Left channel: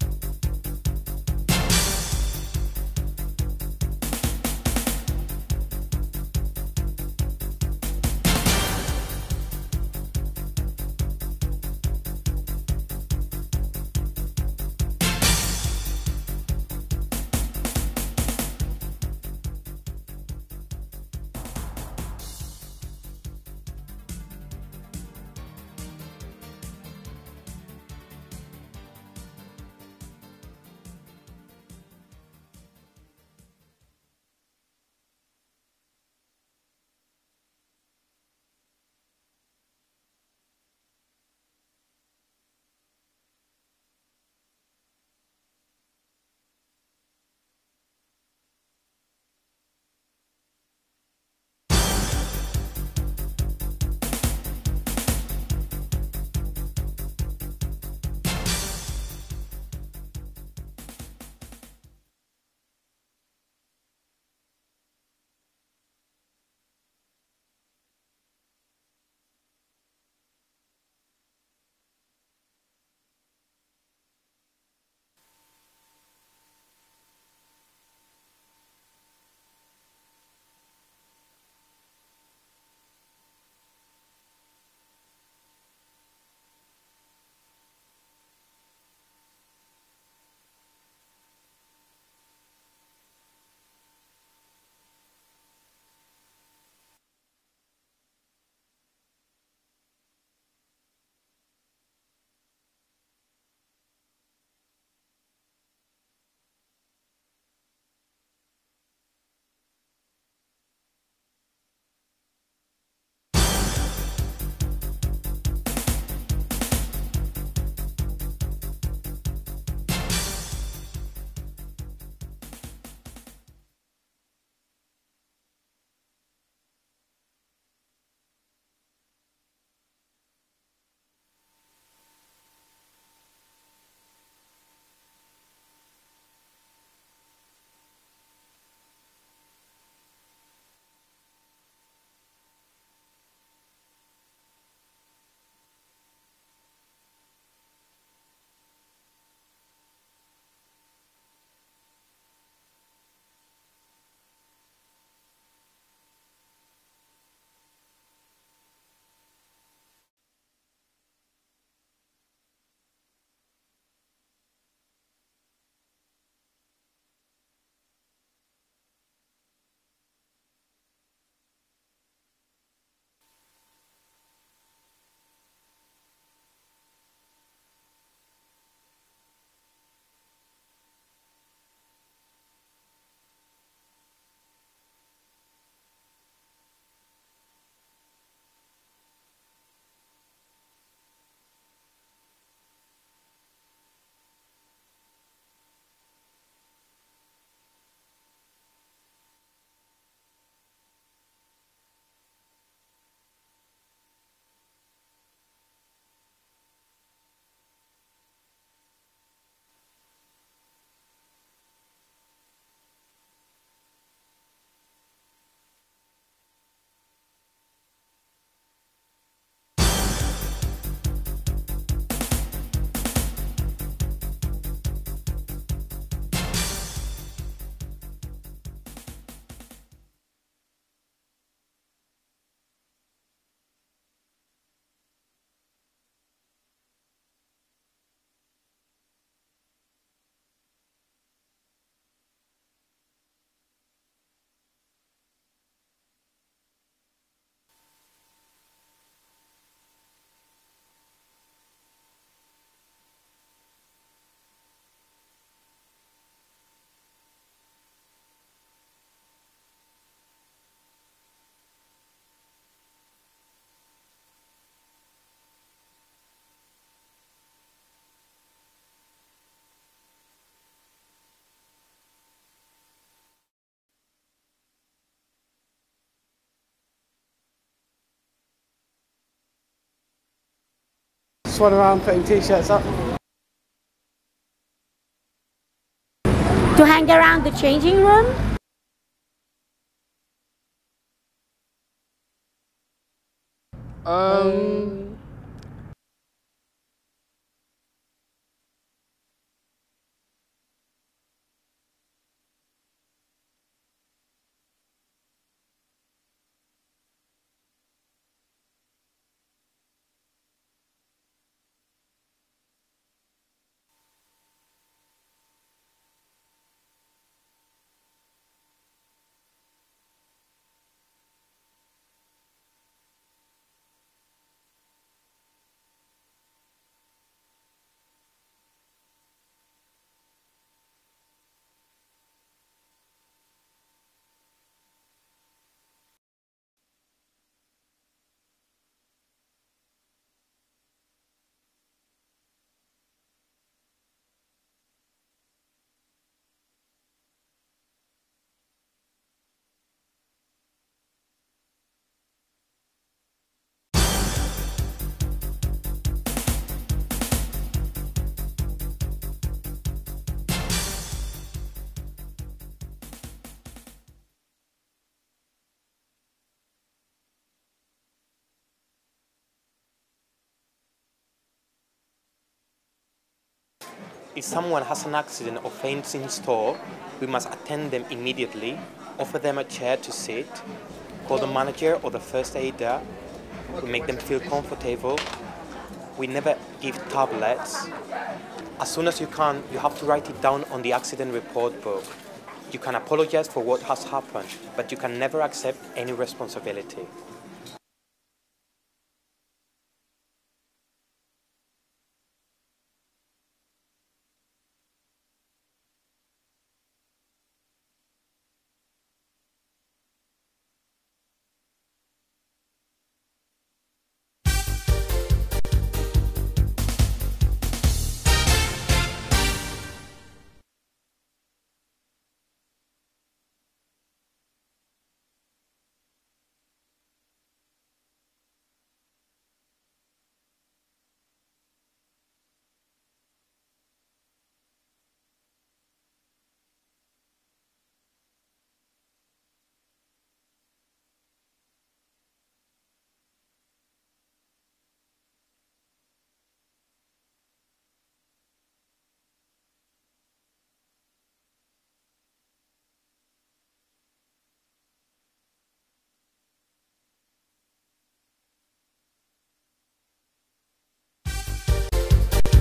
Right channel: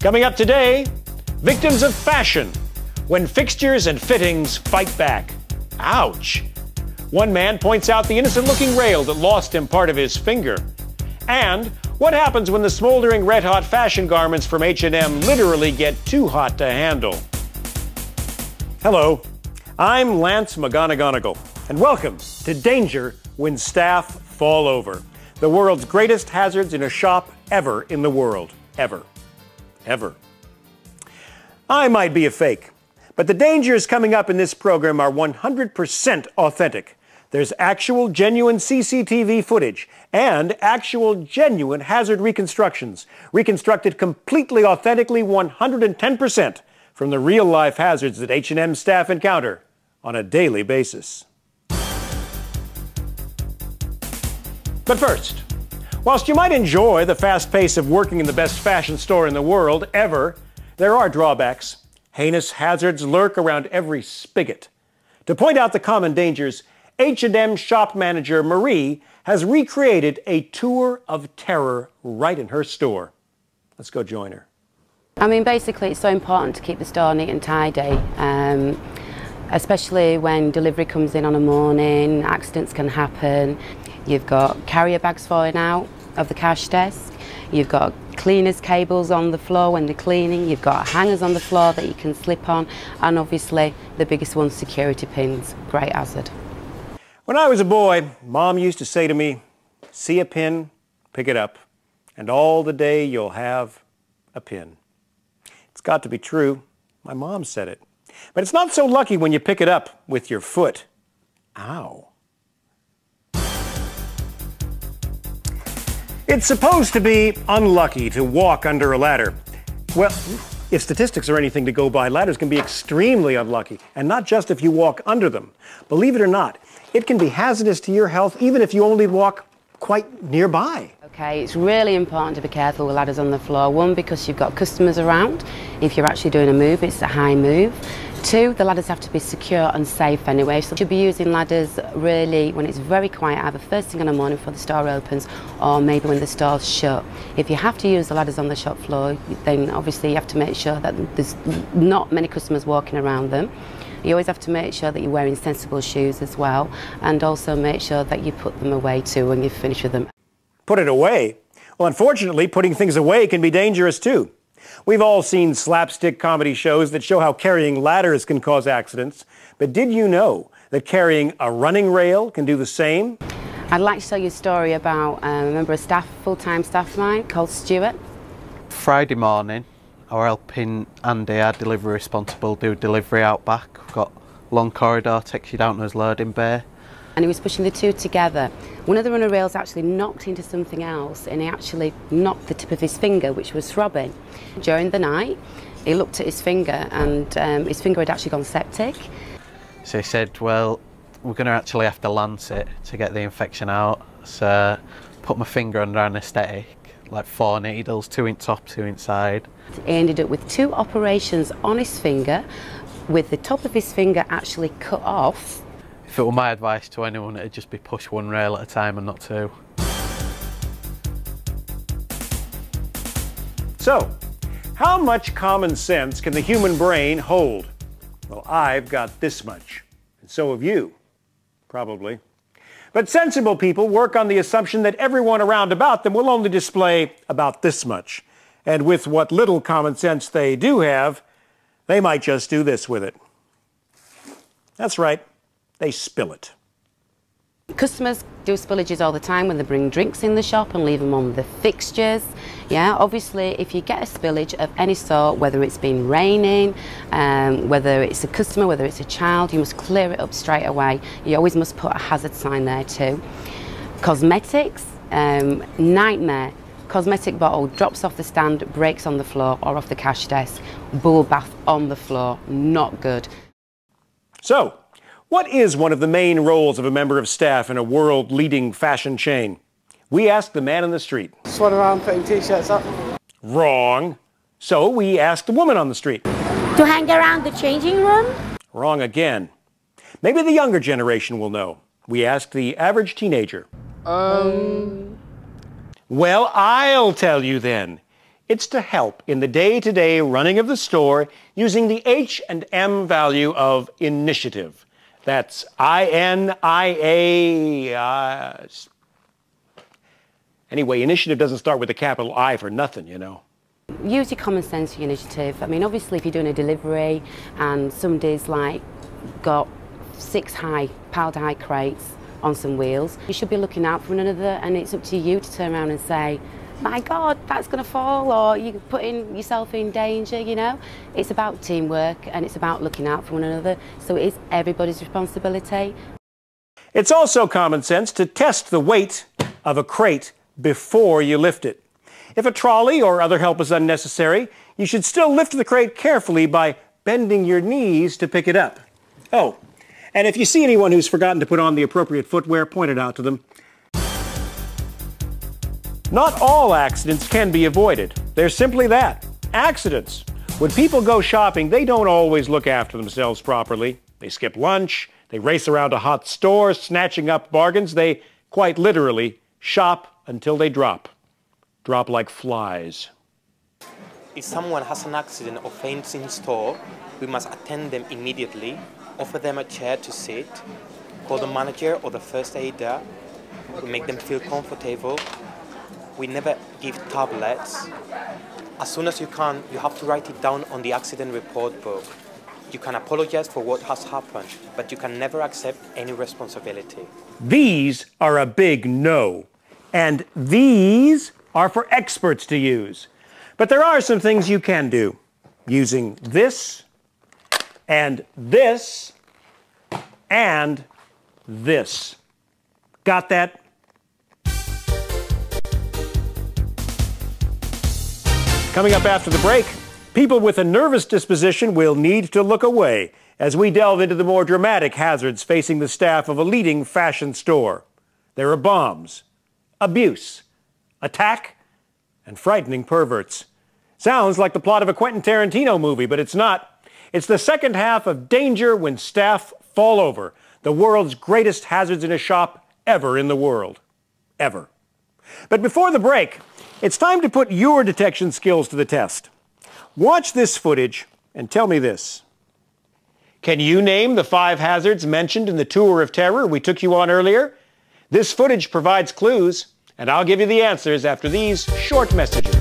Coming up today, victims of fashion, when fixtures and fittings fight back. Ouch! One man points out the innocent-looking rail that lost him part of his finger. And what happens when the smoldering red-hot fashion garments from H&M literally get too hot to handle? Hello, I'm Lance McGonegonegal, and welcome to Danger When Staff Fall Over, the world's greatest hazards in a shop ever in the world. Ever. I might be a fake, but the dangers coming up in this program are 100% authentic. There's actual, genuine CCTV footage and actual, genuine hazard reconstructions, reconstructed completely authentically 110% from the real-life hazards that H&M staff encounter on a daily basis. But first, whilst you might enjoy the fast pace of working in the best fashion store in the world ever, there are drawbacks. Heinous hazards lurk around every spigot. To point out the common dangers, H&M shop manager Marie has recreated a tour of terror right in her store. Let's go join her. I mean, basically, it's so important to keep the store neat and tidy, especially when delivery comes in on a morning, accidents can happen. You've got carrier bags falling out of the cash desk. You've got cleaners' cables on the floor when they're cleaning. You've got hangers on the floor that you can slip on. And obviously, the biggest one, security pins. Great hazard. When I was a boy, Mom used to say to me, see a pin, pick it up, and all the day you'll have a pin. It's got to be true. My mom said it. But it's not so lucky when you pick it up with your foot. Ow. It's supposed to be unlucky to walk under a ladder. Well, if statistics are anything to go by, ladders can be extremely unlucky, and not just if you walk under them. Believe it or not, it can be hazardous to your health even if you only walk quite nearby. Okay, it's really important to be careful with ladders on the floor. One, because you've got customers around. If you're actually doing a move, it's a high move. Two, the ladders have to be secure and safe anyway, so you should be using ladders really when it's very quiet, either first thing in the morning before the store opens or maybe when the store's shut. If you have to use the ladders on the shop floor, then obviously you have to make sure that there's not many customers walking around them. You always have to make sure that you're wearing sensible shoes as well, and also make sure that you put them away too when you've finished with them. Put it away? Well, unfortunately, putting things away can be dangerous too. We've all seen slapstick comedy shows that show how carrying ladders can cause accidents. But did you know that carrying a running rail can do the same? I'd like to tell you a story about a member of staff, full-time staff of mine, called Stuart. Friday morning, I was helping Andy, our delivery responsible, do delivery out back. We've got a long corridor, takes you down to his loading bay. And he was pushing the two together. One of the runner rails actually knocked into something else, and he actually knocked the tip of his finger, which was throbbing. During the night, he looked at his finger, and his finger had actually gone septic. So he said, well, we're going to actually have to lance it to get the infection out. So put my finger under anaesthetic, like 4 needles, 2 in top, 2 inside. He ended up with 2 operations on his finger, with the top of his finger actually cut off. If it were my advice to anyone, it'd just be push 1 rail at a time and not 2. So, how much common sense can the human brain hold? Well, I've got this much, and so have you, probably. But sensible people work on the assumption that everyone around about them will only display about this much. And with what little common sense they do have, they might just do this with it. That's right. They spill it. Customers do spillages all the time when they bring drinks in the shop and leave them on the fixtures. Yeah, obviously, if you get a spillage of any sort, whether it's been raining, whether it's a customer, whether it's a child, you must clear it up straight away. You always must put a hazard sign there too. Cosmetics, nightmare. Cosmetic bottle drops off the stand, breaks on the floor or off the cash desk. Bubble bath on the floor, not good. So, what is one of the main roles of a member of staff in a world-leading fashion chain? We asked the man on the street. Swan around putting T-shirts up. Wrong. So we asked the woman on the street. To hang around the changing room? Wrong again. Maybe the younger generation will know. We asked the average teenager. Well, I'll tell you then. It's to help in the day-to-day running of the store using the H&M value of initiative. That's I-N-I-A... Anyway, initiative doesn't start with a capital I for nothing, you know. Use your common sense for your initiative. I mean, obviously, if you're doing a delivery and somebody's like got 6 piled high crates on some wheels, you should be looking out for one another, and it's up to you to turn around and say, my God, that's going to fall, or you're putting yourself in danger, you know. It's about teamwork and it's about looking out for one another, so it is everybody's responsibility. It's also common sense to test the weight of a crate before you lift it. If a trolley or other help is unnecessary, you should still lift the crate carefully by bending your knees to pick it up. Oh, and if you see anyone who's forgotten to put on the appropriate footwear, point it out to them. Not all accidents can be avoided. They're simply that, accidents. When people go shopping, they don't always look after themselves properly. They skip lunch, they race around a hot store, snatching up bargains. They, quite literally, shop until they drop. Drop like flies. If someone has an accident or faints in store, we must attend them immediately, offer them a chair to sit, call the manager or the first aider, we make them feel comfortable. We never give tablets. As soon as you can, you have to write it down on the accident report book. You can apologize for what has happened, but you can never accept any responsibility. These are a big no. And these are for experts to use. But there are some things you can do using this and this and this. Got that? Coming up after the break, people with a nervous disposition will need to look away as we delve into the more dramatic hazards facing the staff of a leading fashion store. There are bombs, abuse, attack, and frightening perverts. Sounds like the plot of a Quentin Tarantino movie, but it's not. It's the second half of Danger When Staff Fall Over, the world's greatest hazards in a shop ever in the world. Ever. But before the break, it's time to put your detection skills to the test. Watch this footage and tell me this. Can you name the 5 hazards mentioned in the tour of terror we took you on earlier? This footage provides clues, and I'll give you the answers after these short messages.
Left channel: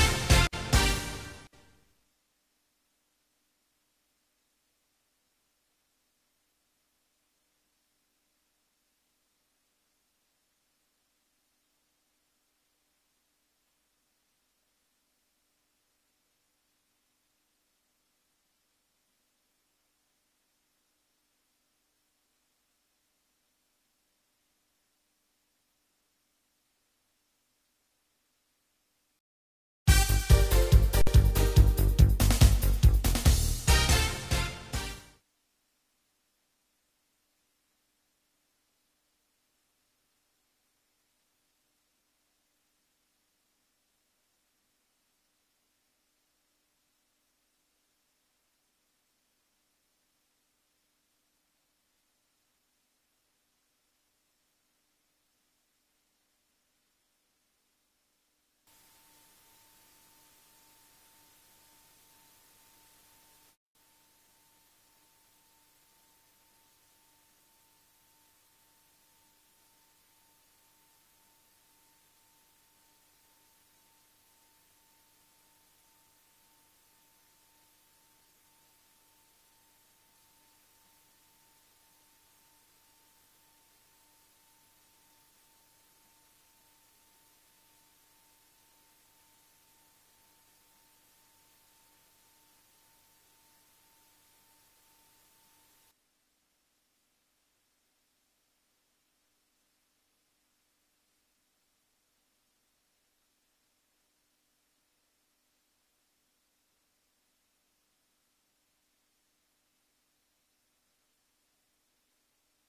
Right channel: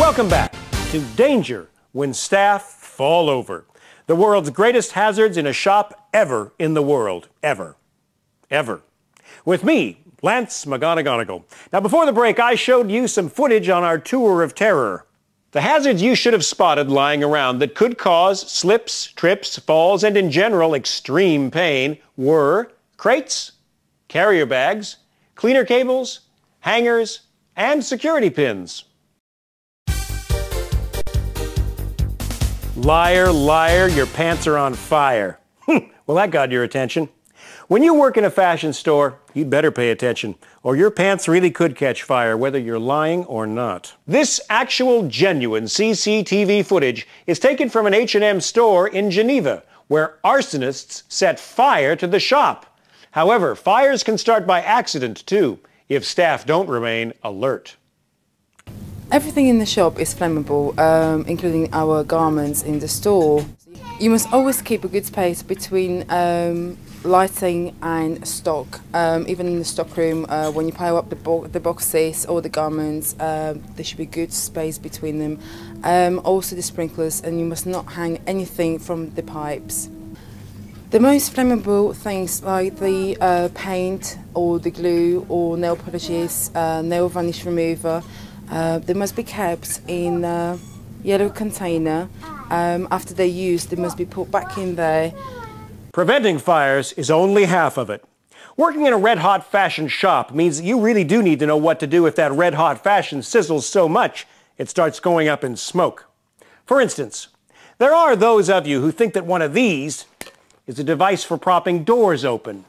Welcome back to Danger When Staff Fall Over, the world's greatest hazards in a shop ever in the world. Ever. Ever. With me, Lance McGonegonegal. Now, before the break, I showed you some footage on our tour of terror. The hazards you should have spotted lying around that could cause slips, trips, falls, and in general extreme pain were crates, carrier bags, cleaner cables, hangers, and security pins. Liar, liar, your pants are on fire. Well, that got your attention. When you work in a fashion store, you'd better pay attention, or your pants really could catch fire, whether you're lying or not. This actual, genuine CCTV footage is taken from an H&M store in Geneva, where arsonists set fire to the shop. However, fires can start by accident, too, if staff don't remain alert. Everything in the shop is flammable, including our garments in the store. You must always keep a good space between lighting and stock. Even in the stock room, when you pile up the boxes or the garments, there should be good space between them. Also the sprinklers, and you must not hang anything from the pipes. The most flammable things like the paint or the glue or nail polishes, nail varnish remover, they must be kept in a yellow container. After they're used, they must be put back in there. Preventing fires is only half of it. Working in a red-hot fashion shop means that you really do need to know what to do if that red-hot fashion sizzles so much it starts going up in smoke. For instance, there are those of you who think that one of these is a device for propping doors open.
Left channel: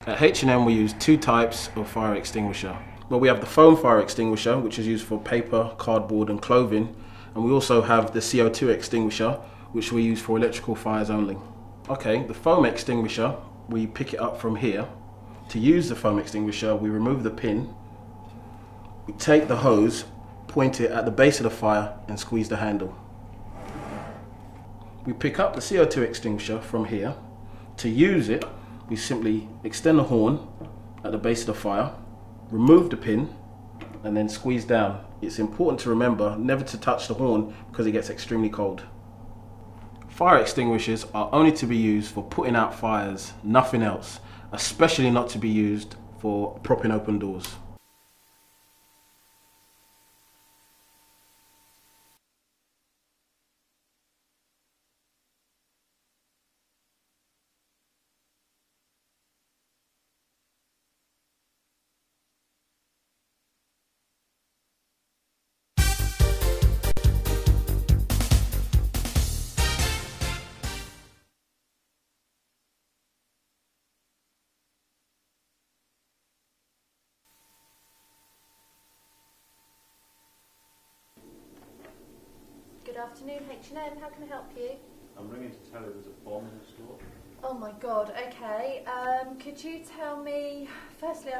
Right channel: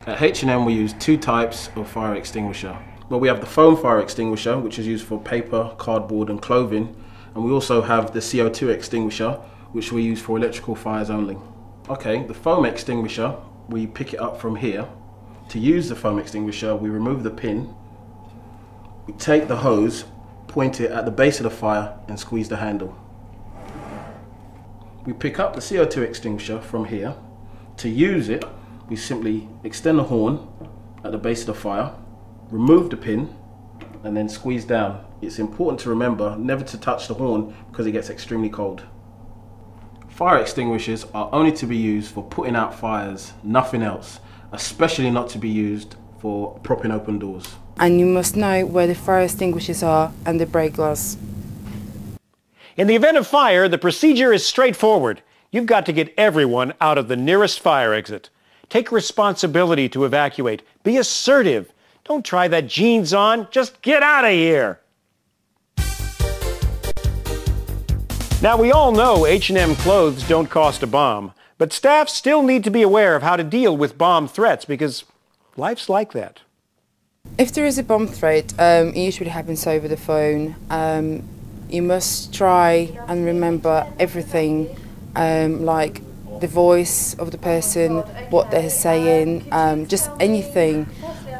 At H&M we use two types of fire extinguisher. Well, we have the foam fire extinguisher, which is used for paper, cardboard and clothing, and we also have the CO2 extinguisher, which we use for electrical fires only. Okay, the foam extinguisher, we pick it up from here. To use the foam extinguisher, we remove the pin, we take the hose, point it at the base of the fire and squeeze the handle. We pick up the CO2 extinguisher from here. To use it, we simply extend the horn at the base of the fire, remove the pin, and then squeeze down. It's important to remember never to touch the horn because it gets extremely cold. Fire extinguishers are only to be used for putting out fires, nothing else, especially not to be used for propping open doors. And you must know where the fire extinguishers are and the break glass. In the event of fire, the procedure is straightforward. You've got to get everyone out of the nearest fire exit. Take responsibility to evacuate. Be assertive. Don't try that jeans on. Just get out of here. Now, we all know H&M clothes don't cost a bomb, but staff still need to be aware of how to deal with bomb threats because life's like that. If there is a bomb threat, it usually happens over the phone. You must try and remember everything, like the voice of the person, what they're saying, just anything.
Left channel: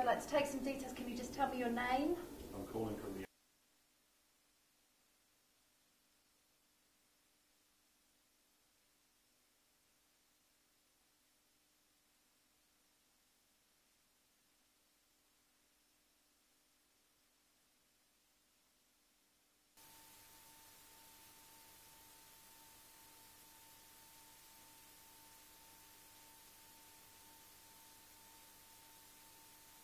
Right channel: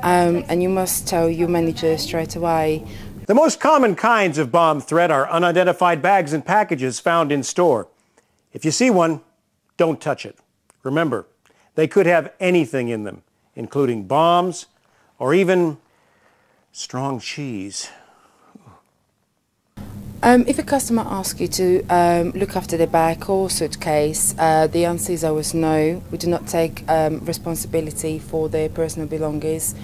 And you must tell your manager straight away. The most common kinds of bomb threat are unidentified bags and packages found in store. If you see one, don't touch it. Remember, they could have anything in them, including bombs or even strong cheese. If a customer asks you to look after their bag or suitcase, the answer is always no. We do not take responsibility for their personal belongings.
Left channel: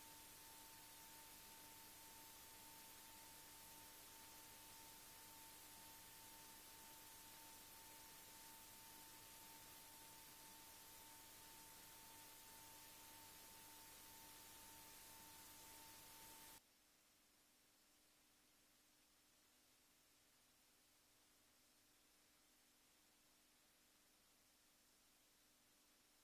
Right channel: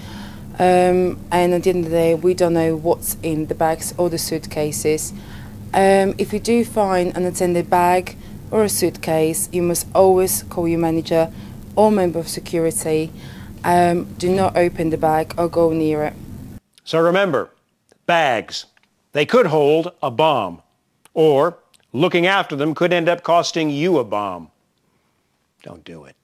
And at the end of the day, we don't know what's in the bags or the suitcases. If you do find an unattended bag or a suitcase, you must always call your manager or member of security. Do not open the bag or go near it. So remember, bags. They could hold a bomb, or looking after them could end up costing you a bomb. Don't do it.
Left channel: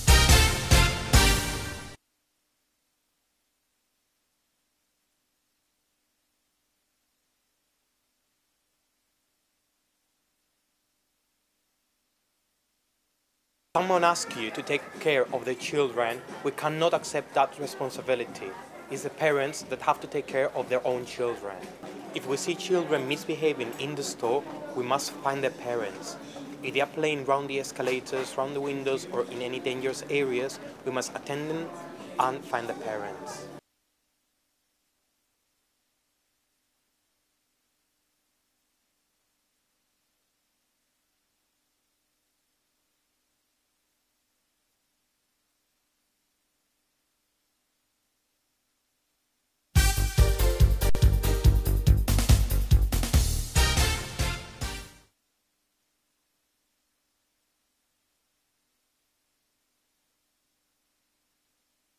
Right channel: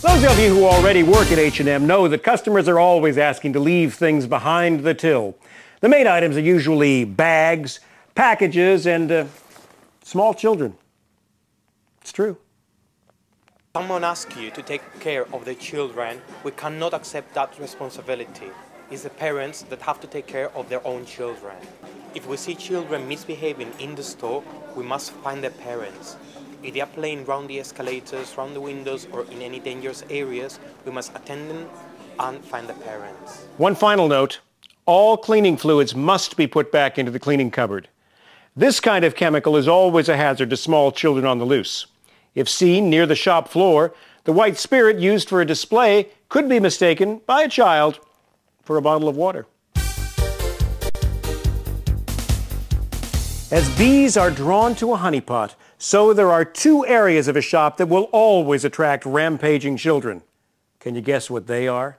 Those of you who already work at H&M know that customers are always asking to leave things behind the till. The main items are usually bags, packages, and small children. It's true. Someone asks you to take care of the children, we cannot accept that responsibility. It's the parents that have to take care of their own children. If we see children misbehaving in the store, we must find their parents. If they are playing around the escalators, around the windows, or in any dangerous areas, we must attend them and find the parents. One final note, all cleaning fluids must be put back into the cleaning cupboard. This kind of chemical is always a hazard to small children on the loose. If seen near the shop floor, the white spirit used for a display could be mistaken by a child for a bottle of water. As bees are drawn to a honeypot, so there are two areas of a shop that will always attract rampaging children. Can you guess what they are?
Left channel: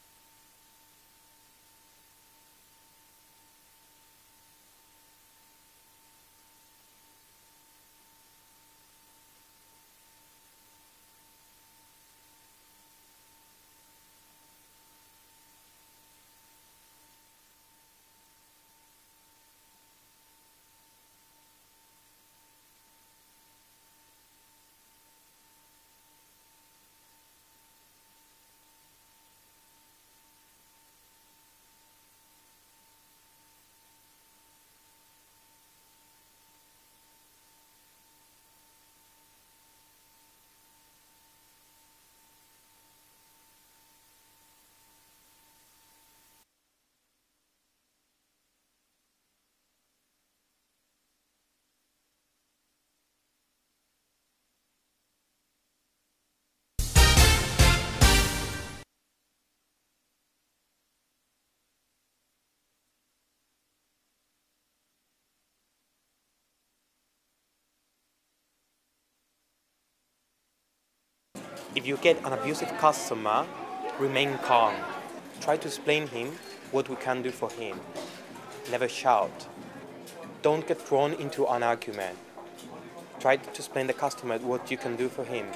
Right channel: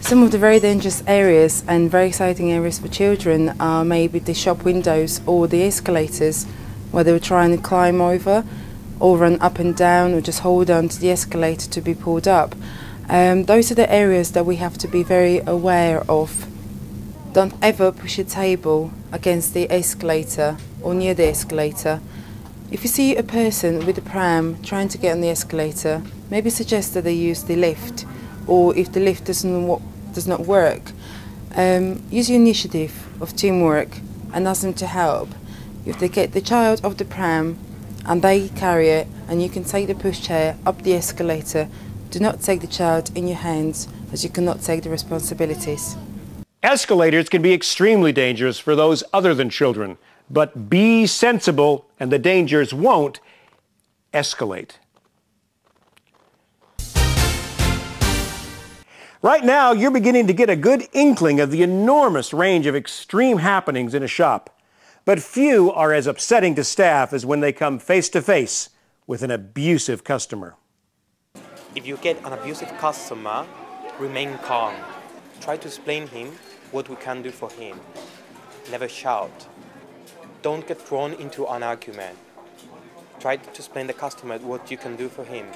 Some of the very dangerous areas and very exciting areas for children are maybe the shop windows or the escalators, where they were trying to climb over or run up and down or just hold on to the escalator to be pulled up. Those are the areas that we have to be very aware of. Don't ever push a table against the escalator or near the escalator. If you see a person with a pram trying to get on the escalator, maybe suggest that they use the lift, or if the lift does not work, use your initiative of teamwork and ask them to help. If they get the child off the pram and they carry it and you can take the pushchair up the escalator, do not take the child in your hands, as you cannot take the responsibilities. Escalators can be extremely dangerous for those other than children. But be sensible and the dangers won't escalate. Right now, you're beginning to get a good inkling of the enormous range of extreme happenings in a shop. But few are as upsetting to staff as when they come face to face with an abusive customer. If you get an abusive customer, remain calm. Try to explain him what we can do for him. Never shout. Don't get thrown into an argument. Try to explain the customer what you can do for him.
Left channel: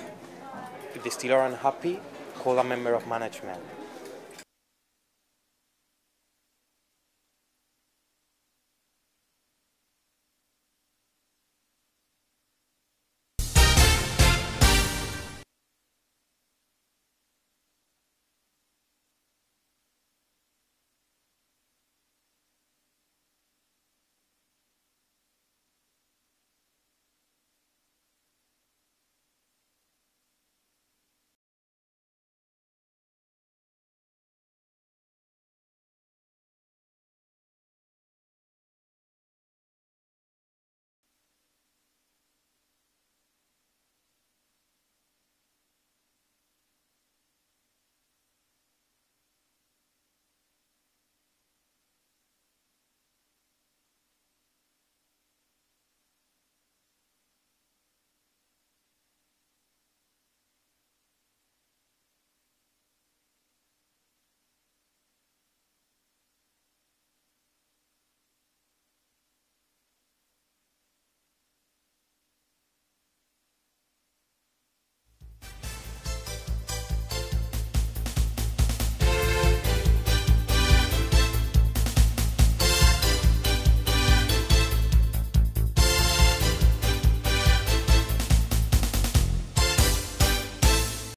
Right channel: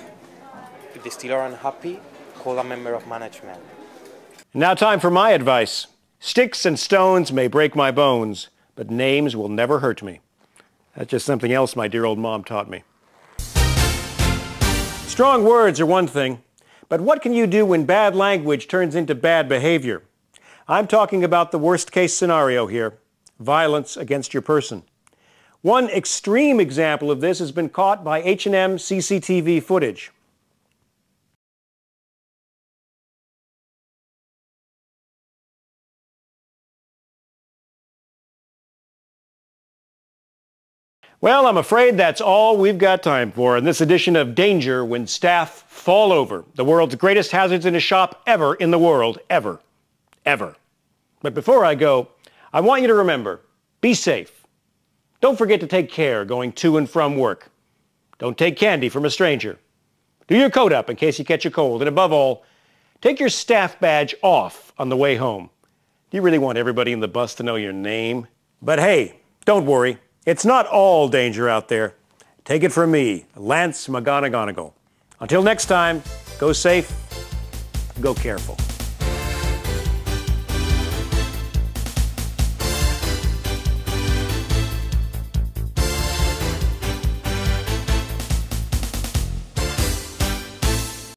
If they still are unhappy, call a member of management. Now time for my advice. Sticks and stones may break my bones, but names will never hurt me. That's just something else my dear old mom taught me. Strong words are one thing, but what can you do when bad language turns into bad behavior? I'm talking about the worst case scenario here, violence against your person. One extreme example of this has been caught by H&M CCTV footage. Well, I'm afraid that's all we've got time for in this edition of Danger When Staff Fall Over, the world's greatest hazards in a shop ever in the world, ever. But before I go, I want you to remember, be safe. Don't forget to take care going to and from work. Don't take candy from a stranger. Do your coat up in case you catch a cold. And above all, take your staff badge off on the way home. Do you really want everybody in the bus to know your name? But hey, don't worry. It's not all danger out there. Take it from me, Lance McGonegonegal. Until next time, go safe, go careful.